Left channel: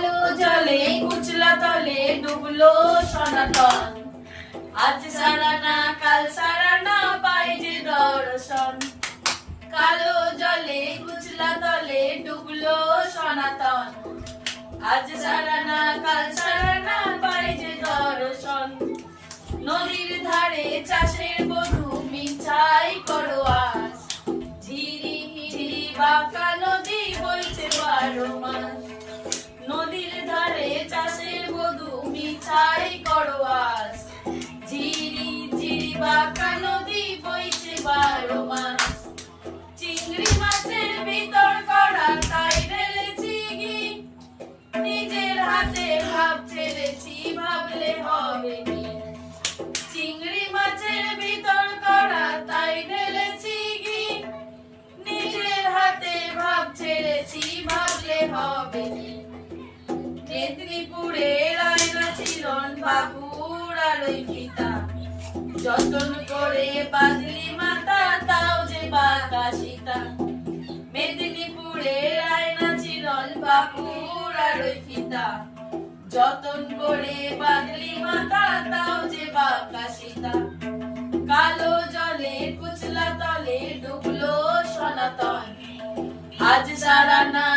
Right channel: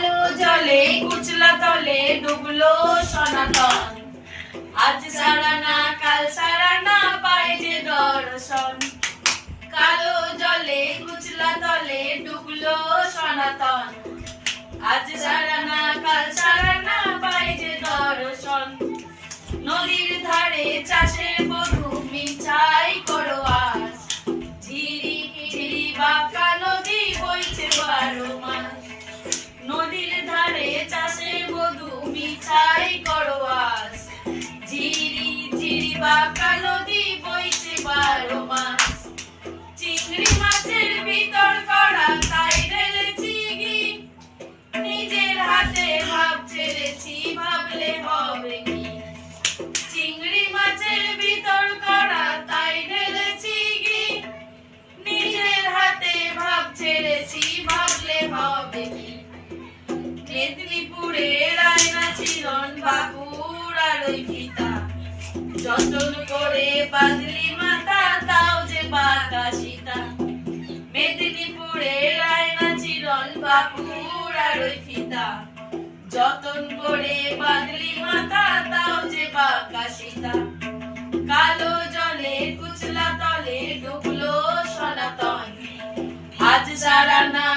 কালো জলে কুচলা তলে ডুবলো সনাতন। আজ সারা না কাল সারা না পাই যে দর্শন। কালো জলে কুচলা তলে ডুবলো সনাতন। আজ সারা না কাল সারা না পাই যে দর্শন। নদীর ধারে চাষের মিঠাই করো আজ ঝিরি ঝিরি বাঁকা নদী বইছে বারো মাস চিংড়ি মাছের ভিতর করা তাই ঢেলেছি ঘি। নিজের হাতে ভাব ছেড়েছি, ভাবলে হবে কি? চিংড়ি মাছের ভিতর করা তাই ঢেলেছি ঘি। নিজের হাতে ভাব ছেড়েছি, ভাবলে হবে কি? মেদিনীপুরে মিলন বাবুর আলোই পিতা। যতন করে বাদলি মাতা, তাও যে বাঁকা সীতা মেদিনীপুরে রায়না চিরন বাবুর আলোই পিতা। যতন করে বাদলি মাতা, তাও যে বাঁকা সীতা কালো জলে কুচলা তলে ডুবলো সনাতন। আজ সারা না